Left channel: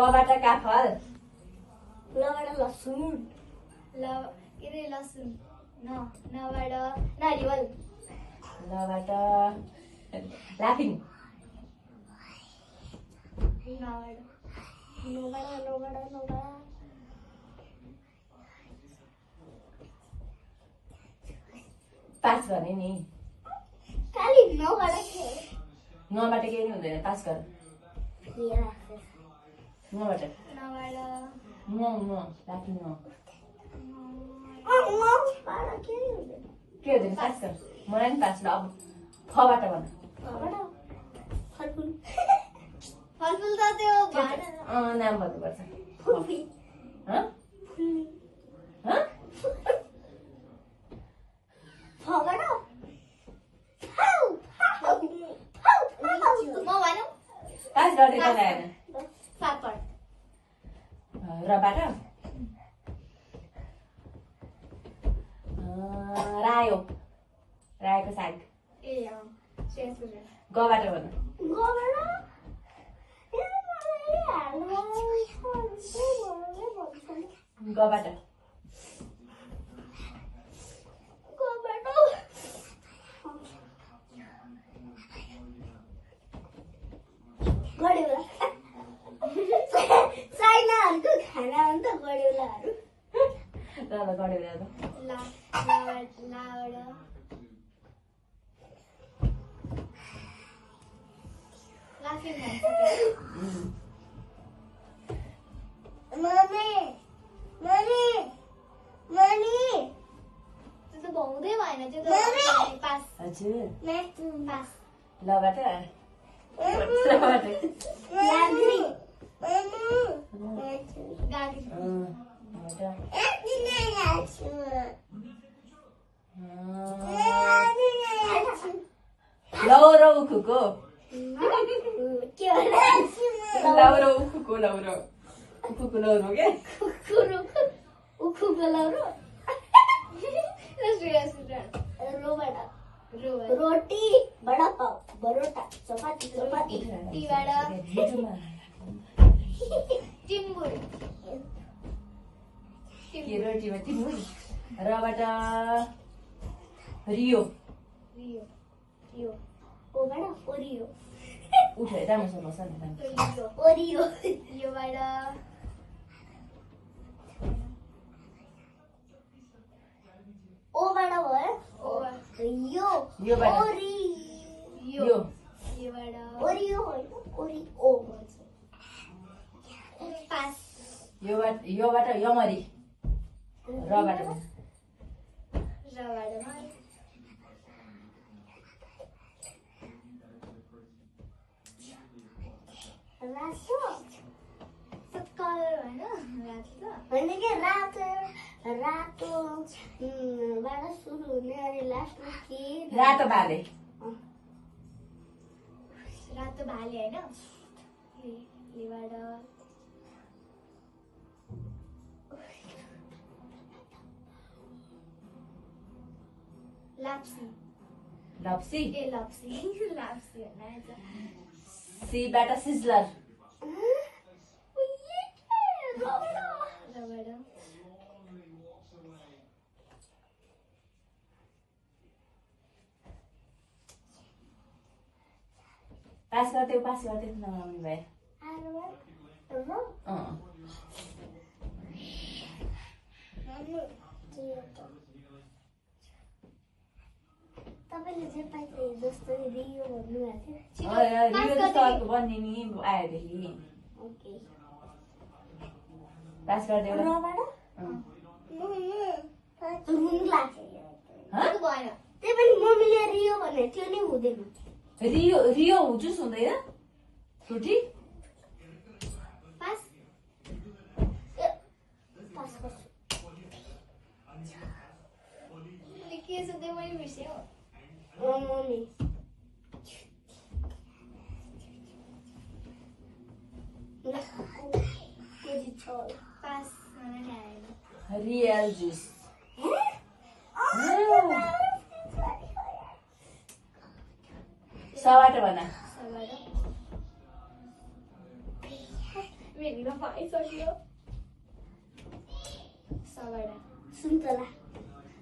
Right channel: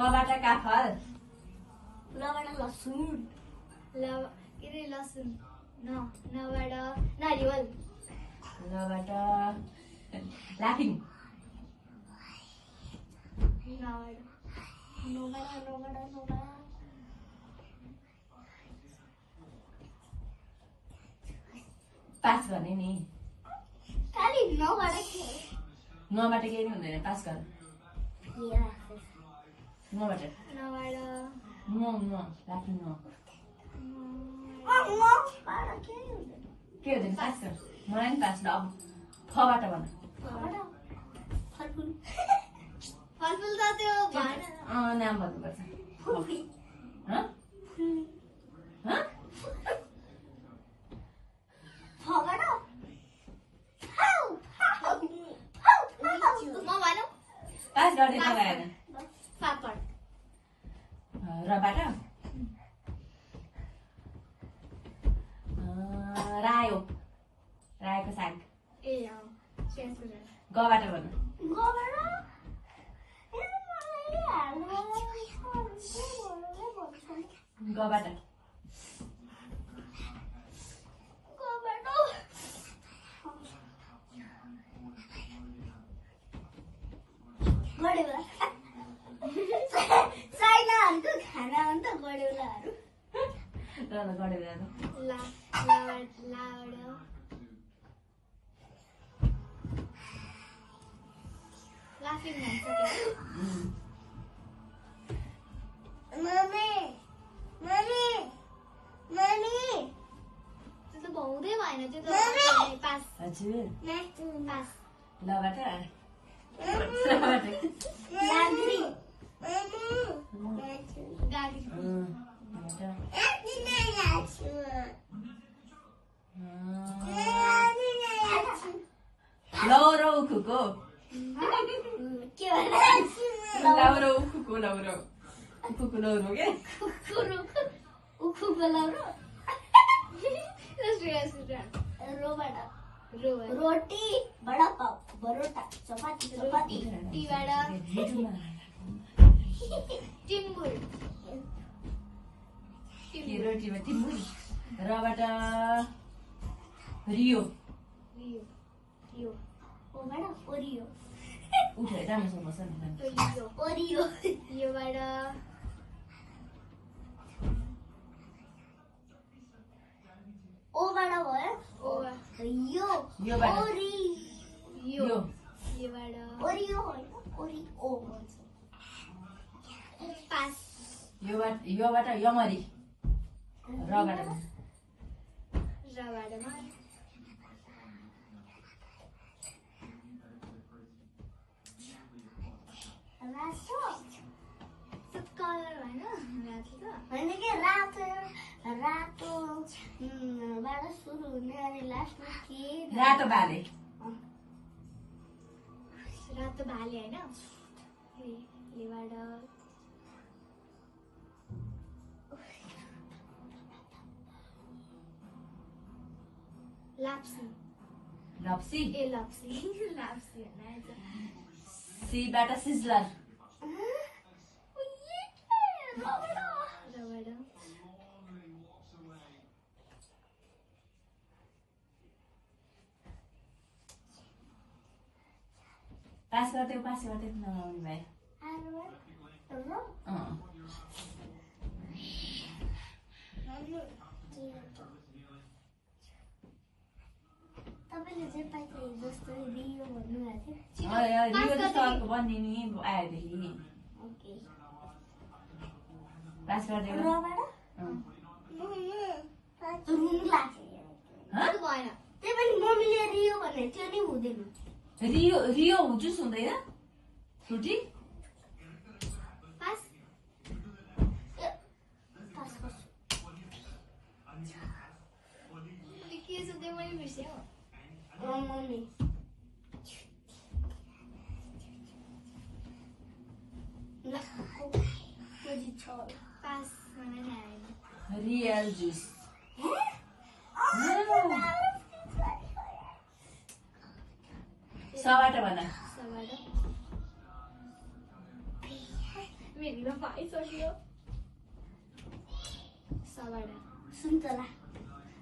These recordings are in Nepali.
कबाट काफल लबाट लसुन के रे लसुन नबाट नारिवल लबाट लाफिङ नबाट पास गर्ने नि खाली नबाट के नबाट केही नि हुँदैन पास गर नबाट न लाफिङ न के हुँदैन पास गर मलाई नि पास ल अब फबाट भन फलफुल फलफुल त त्यो नाम भन्नुपर्छ पास गर्ने लगाएन पापड रबाट रायो रायोको साग ए गबाट भन गबाट चाइनाहरूको खाना हो नि त गड्युलाहरू ल गरेर त्यो त भाउँदै भएन त्यो त पास हजुर पास लबाट गाडी लौरो उखुको लौरो उखुको लौरो उखुको लौरो के रोटी बडा पाव बरोटा चपाती टिम्बुर रोटीमा टिमुर रबाट रियो ओरियो उठेर राम्रोसँग बस न ओरियो योबाट ओबाट भयो यो ओरियो होइन ओरियो पास योबाट यमरी रबाट कलर होइन रातो बाट सुरु हुने अनि लास्टमा के रातो भाले होइन लाप्सी लप्सी लाप्सी सीबाट सिजलर पास गर्थ्यौ नआउने भए तपाईँले जे पाइन्छ जस्तो रियो भन्नुभएको थियो रियो जस्तो बन्ने नि आएदेखि ओके पास गरिदेऊ ल रुङ्ला भएन त्यही पनि मम्मीले रियो भने त्यो नि हुँदैन रियो जुस हुँदैन फ्रुटी पास के छ त्यो मैले बिर्सेँ हौ मम्मी पास मलाई थाहा आएन रियल जुस सबाट भन मेरो भरिमा पाइसक्यो सबाट सुन्तला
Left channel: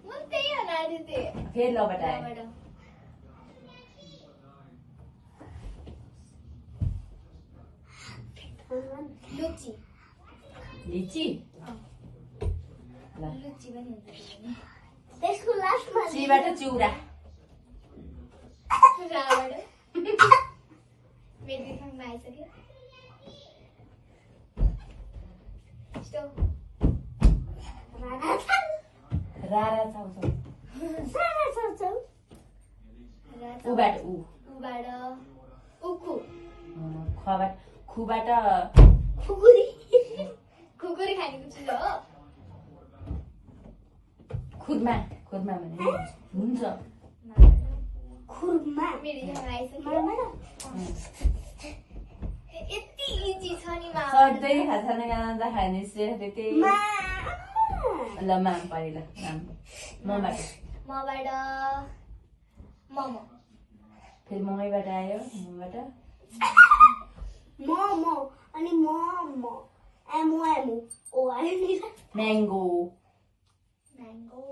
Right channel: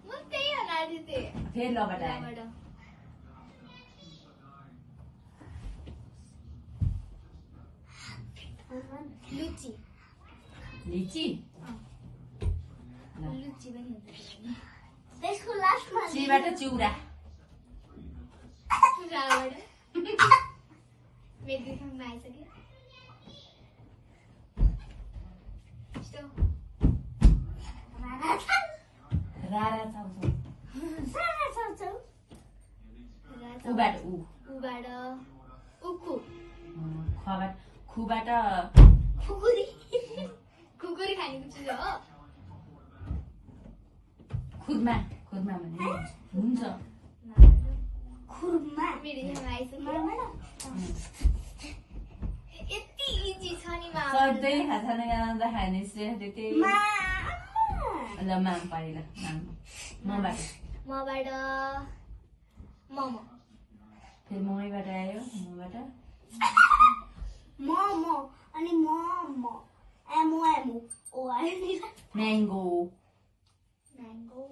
म त्यही हनाएको थिएँ फेरि लबाट आयो लबाट लुची लिची ल लुची पनि हुन्छ त्यसको लास्टमा चीबाट चिउरा राबाट मेरो खाङमा आइसक्यो यस्तो रारा चाउँछौ सारा चाउँछौ उबाट उ उबाट उखु खबाट खुबाट खुकुरी खुकुरी खानेको चिज हो खुदमा खुदमा भने हुन्छ खुरमा मेरो खाङमा आइसक्यो मामामा यति इजी छ नि मा सधैँ खाना खाना खाने श्रेष्ठ त्यही ल माम पारि ल माम मबाट मबाट मोमो फेरि ममैबाट आयो मबाट मोमो अनि मोमो एमो एमो ओ आयो म्याङ्गो म्याङ्गो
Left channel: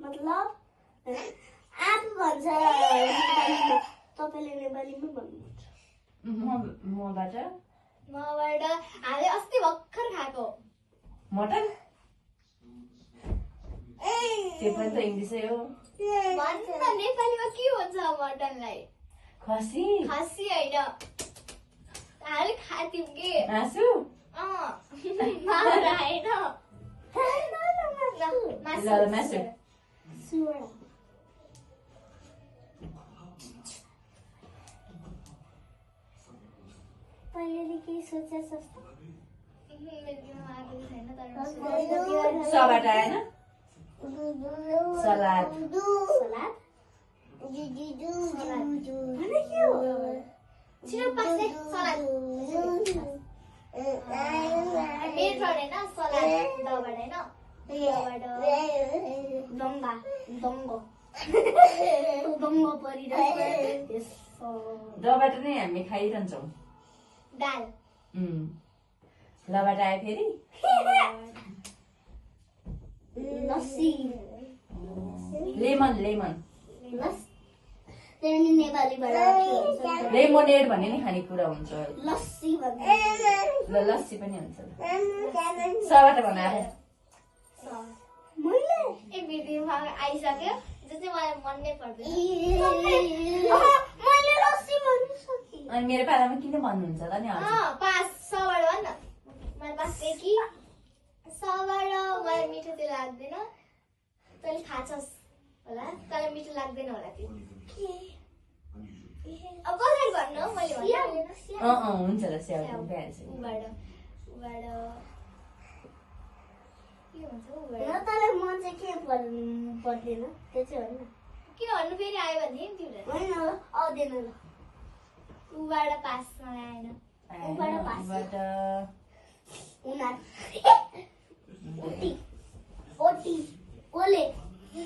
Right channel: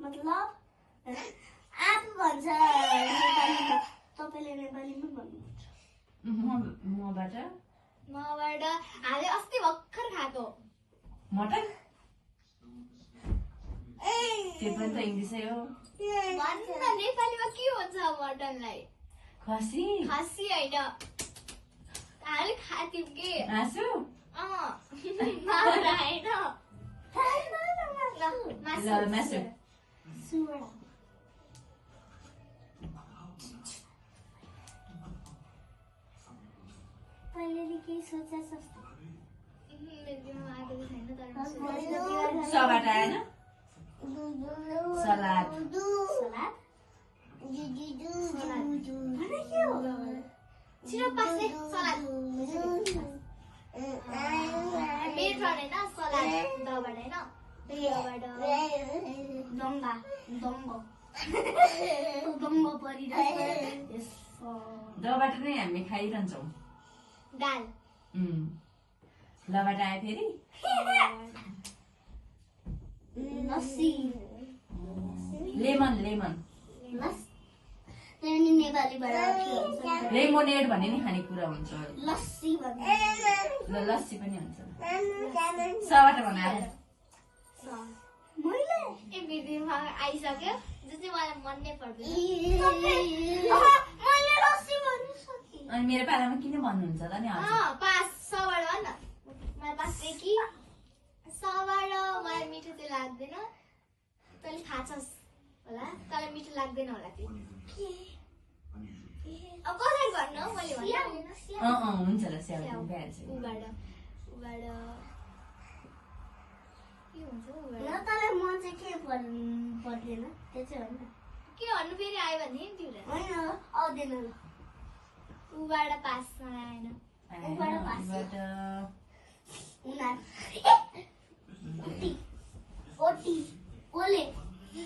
मतलब आँप भन्छ नेपालीमा तपाईँले नेपालीमा भन्नुहुन्छ मबाट मबाट हामीले अस्ति भर्खर खाएको मटन त्यो पनि त इङ्ग्लिसै हो भन्न नेपालीमा के भन्छ मटनलाई खसी खसी होइन हामीले खाथ्यौँ कि मासु माउरा होइन ल मासु सुवडा तैँले केही सोचे जस्तो सबाट आएन सलाद सलाद छिटो पासे सलाद मेरो होइन सलाद दबाट होइन दङ्गा दङ्गो दङ्गो परिरहेको दबाट नै हामी खाइरहन्छौँ दाल लबाट आयो फेरि लस्सी लेमन लेमन त्यही नेपालीबाट लेमोनेड भन्ने नि खानेकुरा हुन्छ लस्सी भन्छ ल लस्सी पनि हुन्छ सबाट बनाएर मैले ए बिर्दिमा आइसक्यो जो चाहिँ मलाई मन नै पर्दैन मैले लस्सी भन्नु सकेँ अनि मेरो पालामा किन भन्नुहुन्छ त नि हजुर पास सबाट भन न मलाई पास कि सबाट मलाई मिठो चाहिँ लाग्दैन तैँले थाहा छस् होला तँलाई मिठो लाग्दैन होला त्यो अब कसरी भन्नु मैले भन्नु हुन्छ ल स्याउ भइहाल्छ उबाट उबाट के हुन्छ उबाट न तँलाई मन चाहिँ के पर्दैन त्यो चाहिँ होइन के भन्नु फेरि आयो भने तिमीले होइन आउँदैन ल उबाट पास मलाई आएन उबाट पास। उबाट उनीहरू ओटी ओटी ओले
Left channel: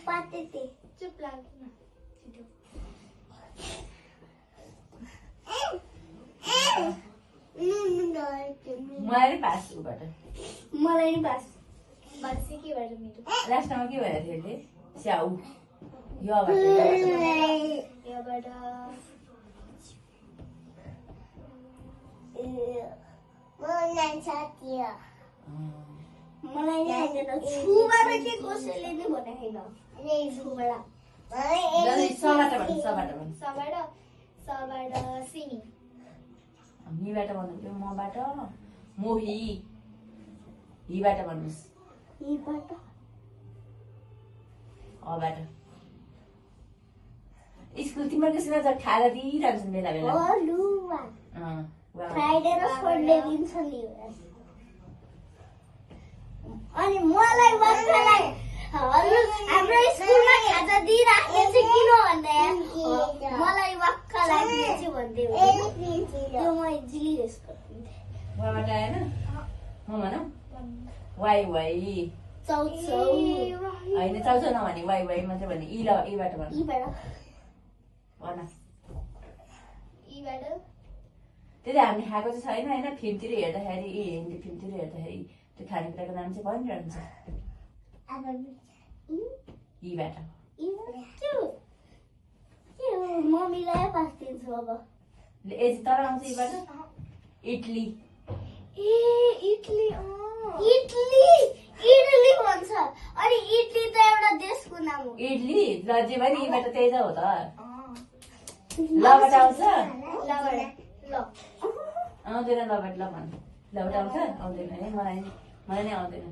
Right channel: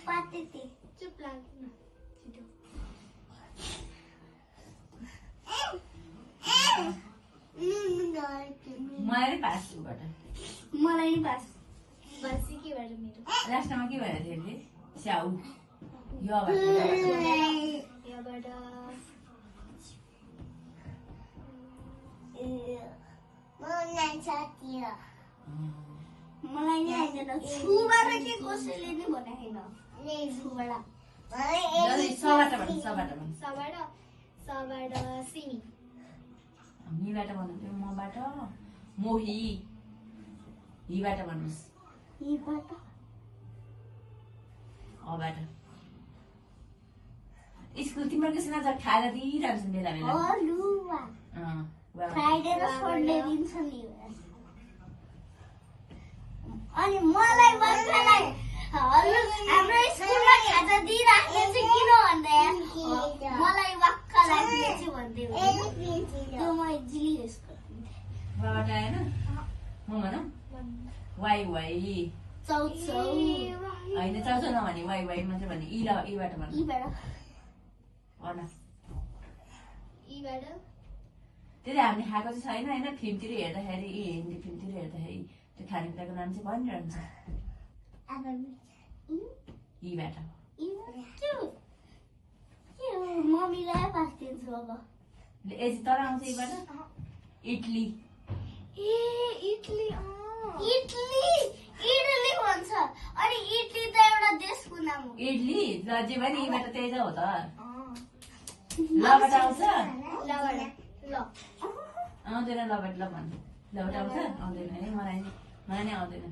पातेते चुप लाग्दैन छिटो मलाई पास उबाट मलाई नि पास बसी के भएर मिठो लास्टमा के भएर थियो अरे स्याउ यबाट यहाँबाट मलाई नि आइदैन छुबाट के कसैले नि भनेको छैन छुबाट सबाट भन्नु सबाट भन्नु सबाट सबाट सिमी मीबाट भन्नुहुन्थ्यो मबाट मोही हिबाट भन्नुहोस् हिबाट अबाट स्कुल तिम्रो त्यसमा त खाएर दिइरहन्छन् बेला बेला हलुवा फ्राइडे र सन्डे दिन्छ नि अनि मलाई भर्खरै हाम्रो स्कुलमा खाजा दिइराख्ने चाहिँ किन भन्दा मलाई वाक्क लाग्ने चाहिँ भन्दै त्यो मैले जिलिस बाबाट आएन म भनौँ वाइ वाइ चौचौ होइन चाउचाउ नभने वाइ वाइ मात्रै भने इ ल एबाट भन्नु यीबाट भन यीबाट त्यति हामीले खाएको चाहिँ छैन होइन फिल्मतिर हेर्दाखेरि हिन्दी फिल्मतिर हेर्दाखेरि त्यो खानेकुराको नाम चाहिँ भनिरहन्छ यीबाट मम्मीलाई पास दिन्छु अब यति तर आउँछ यीबाट इडली इडली इडली भन्छ अनि इडली त एउटा देशको नाम हो इडली ल जे भयो नि यीबाट त्यही त हो त लबाट आउँछ आउँदैन लबाट ल भन्नु लबाट आउँछ आउँदैन है मलाई नै आउँदैन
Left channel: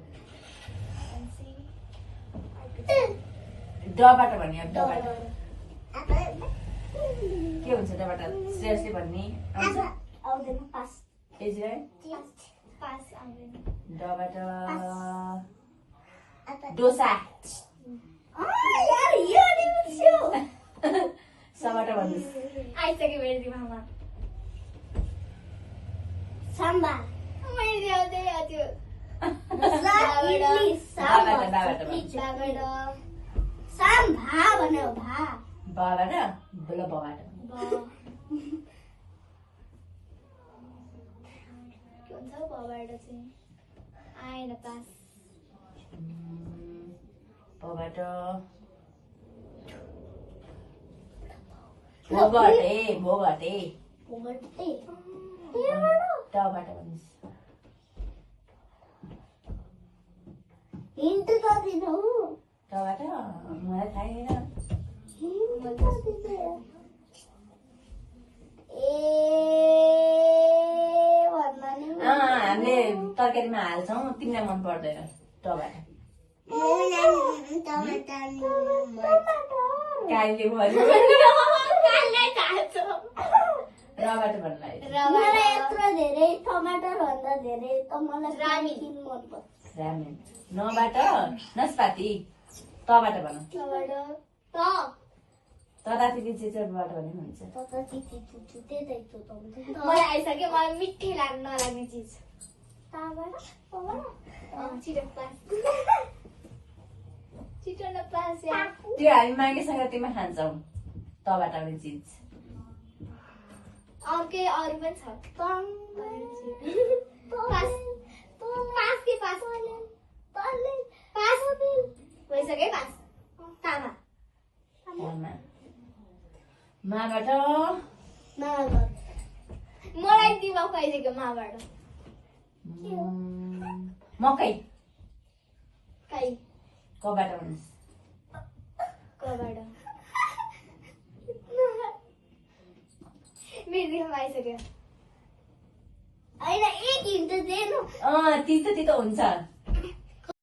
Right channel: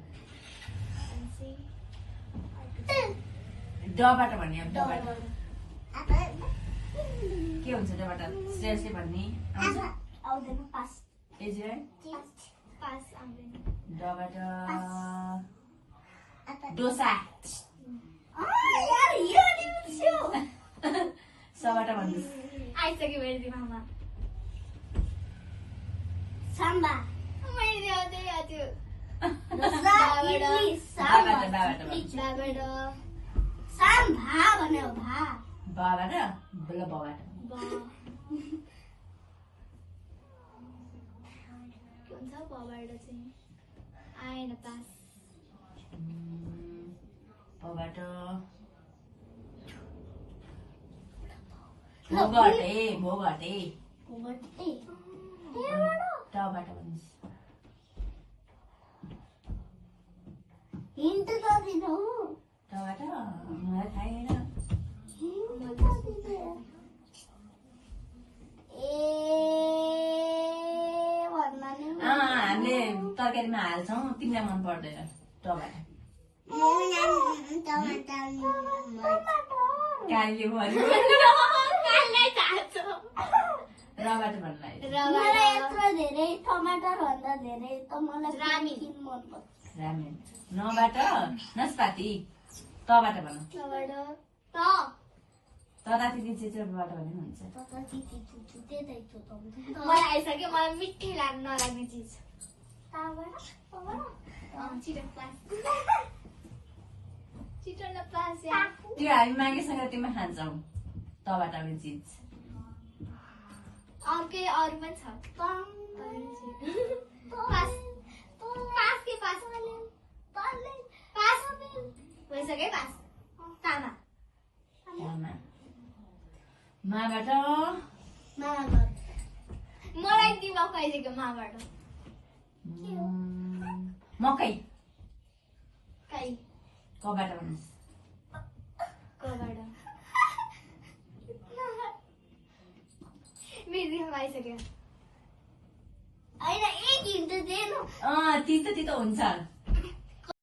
डबाट भन्ने अब डबाट के हुन्छ डबाट सिरियसली भन्ने आउँछ आउँदैन पास एजिराई पास आउँदैन डबाट डोसा यार यो नि बुझ्यो सबाट भन्नुहोस् आइसक्यो मेरो दिमागमा साम्बा मैले आउँदै आयो इडली दाबाट साम्भा भन्यो भा बाबाट बल बबाट के हुन्छ बबाट चाहिँ आएन पास बबाट भोगटे भोगटे टबाट भन्नुहोस् हिन्ट त दिनु टबाट मलाई थाहै छैन हामीले तरकारीमा हाल्छौँ तिमीलाई मन पर्दैन टबाट कालीले भन्नु रबाट भन्नुलाई मलाई यत्रो धेरै टमाटर भन्दा धेरै त मलाई रामेन मन पर्छ रामेन नबाट नस्पाती तबाट भन्नु ततातिथि चिचोबाट भने पनि हुन्छ मलाई आइसक्यो मलाई मिठै नलाग्ने चिज छिटो पास छिटो न पास त्यो हामी माघेसँग तिमीमा खान्छौँ तबाट आउने चिज अर्कै अरू पनि छ पास पास के पास पास भइसक्यो पास तामा माबाट मलाई दिमाग कहिलेको माबाट मकै काई कबाट भन्नुहोस् कबाट मेरो दिमाग आइसक्यो होइन एक हिन्ट दिनु तितो तितो हुन्छ